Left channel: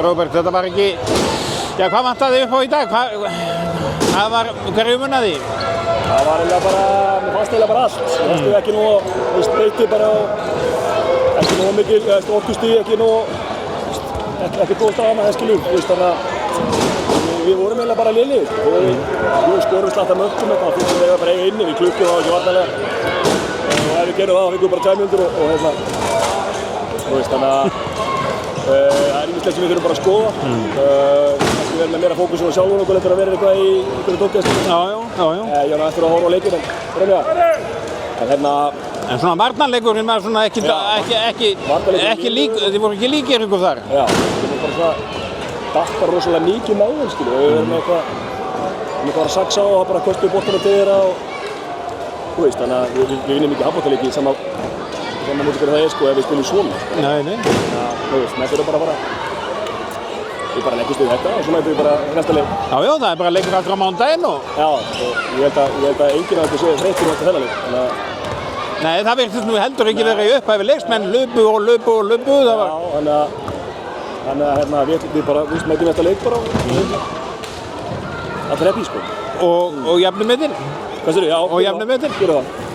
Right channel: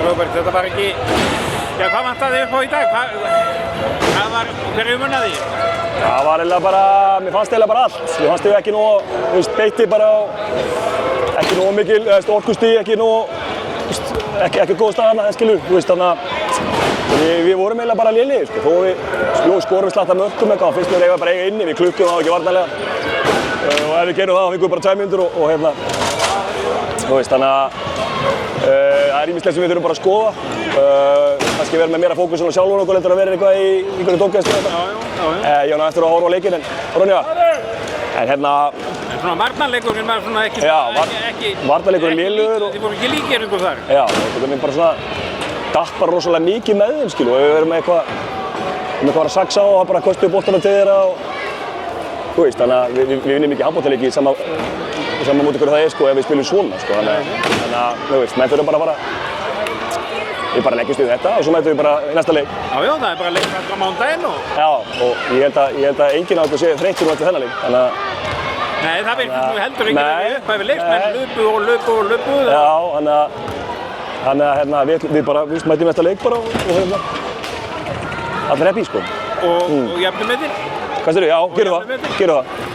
Róbert, þetta var ekki, já hvað vantaði upp á í dag? Hverju munnaði? Það var eiginlega bara, mér fannst eiginlega bara allt. Mér fannst ég ekki nóg, beitti bara ekki nóg mikil, orkustig, ekki nóg, ekki góð staðan að skilur, þannig að við vorum eiginlega bara lélegir og við skorum slatta mörkum eitthvað, fólk voru eiginlega bara eiga inni, við klukkum það ekki varnarlega og ef við gerum það, þá fengum við bara 2 mínútur og þannig að það er ýmislegt sem við þurfum bara að skoða. Kannski vera með meira fókus á sjálfur okkur heldur að vera eitthvað í einhverjum tómgæðstöðum. Já. Ég var eftir að horfa á leikinn en Brynja. En svona varnarleikurinn var svona ekki lík, þið voru ekki líkir ykkur þar. Já, við bara svona datt bara rosalega mikið með þeim skilu og við verðum eitthvað að saxa og bara kosta upp boltana til þeirra og þannig að við vinnum ekki handboltaleiki í sama móti hvernig það er sko ef við spilum svona sko. Þannig að við þurfum bara að fara við bara leggjumst við þetta og svo mætum við bara næsta leik. Já, það er bara leikur aftur á mánudaginn og... Já, og ég held að enginn af okkur sé þreyttur eftir þennan leik, þannig að... Nei, það virtist nú heldur ekki verið í upphæfi leiks, menn lupu. Já, þannig að við bara mætum næsta leik bara og allir happy sko. Og jafnir metir? Hvað segirðu? Já, gerum það.